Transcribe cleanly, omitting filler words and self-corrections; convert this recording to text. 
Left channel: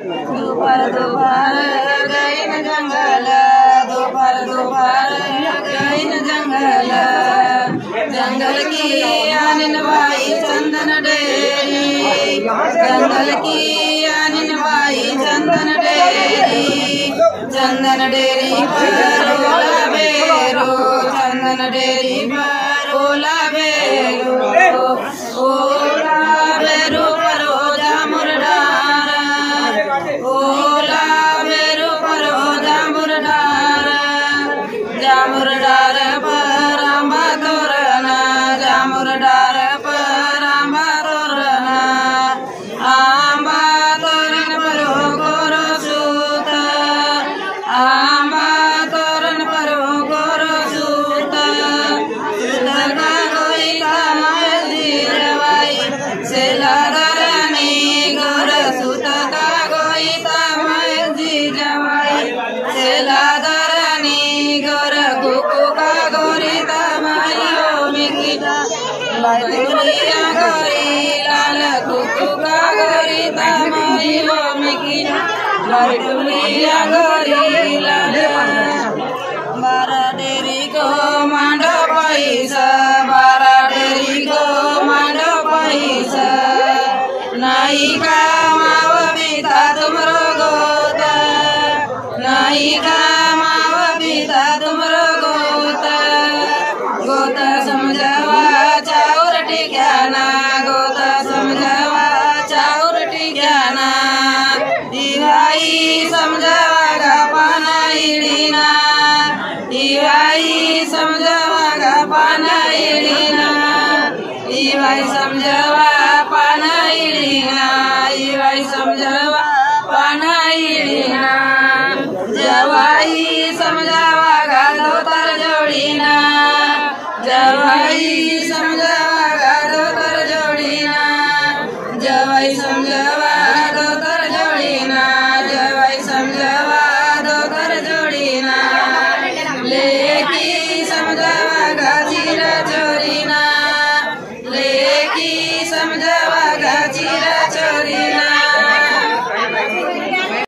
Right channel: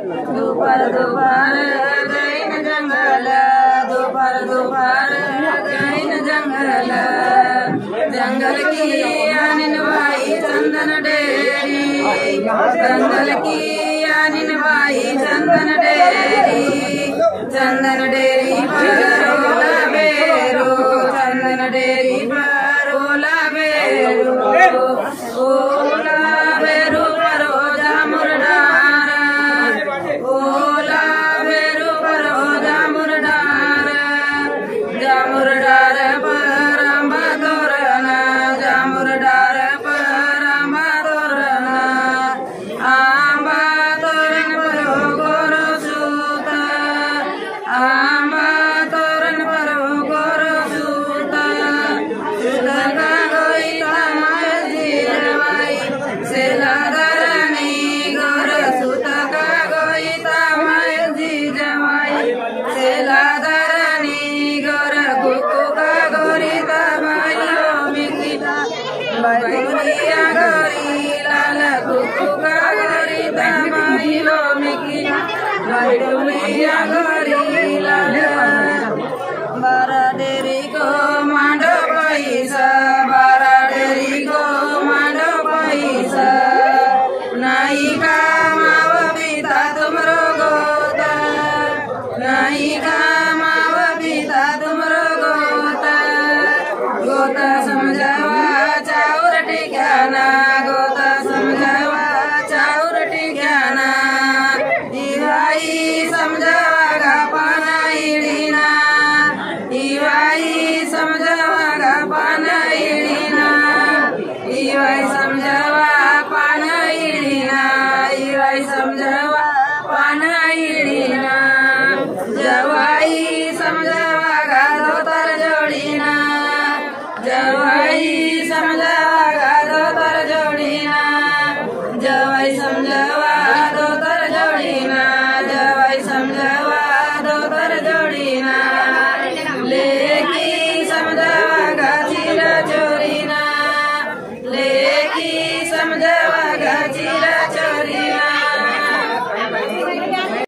दोपहर दोपहर गई न जंगल, दोपहर दोपहर गई न जंगल, जंगल की आनिन भाई चंदन डेरी, जंगल की आनिन भाई चंदन डेरी, चंदन डेरी पर ओला बेरू, चंदन डेरी पर ओला बेरू, ओला बेरू पर ओजा मुरडार, ओला बेरू पर ओजा मुरडार, जामुरडार पर आंबा तोरणा, जामुरडार पर आंबा तोरणा, आंबा तोरण पर गोरो सूत, आंबा तोरण पर गोरो सूत, सूत का कोई काम जीरवाई सेला धरनी गोर, सूत का कोई काम जीरवाई सेला धरनी गोर, कुकु का गोरी तमायो मिकिटा बैठुलिया गोरी लाल, कुकु का गोरी तमायो मिकिटा बैठुलिया गोरी लाल, बारा डेरी को मांडो पैसा, बारा डेरी को मांडो पैसा, नहीं कामाव पिता तुमरो गोता, नहीं कामाव पिता तुमरो गोता, गोता समझावा चाउर टिक्याना, गोता समझावा चाउर टिक्याना, दिवाई समझावा गा पाना इडीना, दिवाई समझावा गा पाना इडीना, दिवाई समझावा पाना इडीना, दिवाई समझावा पाना इडीना, जवाई समझा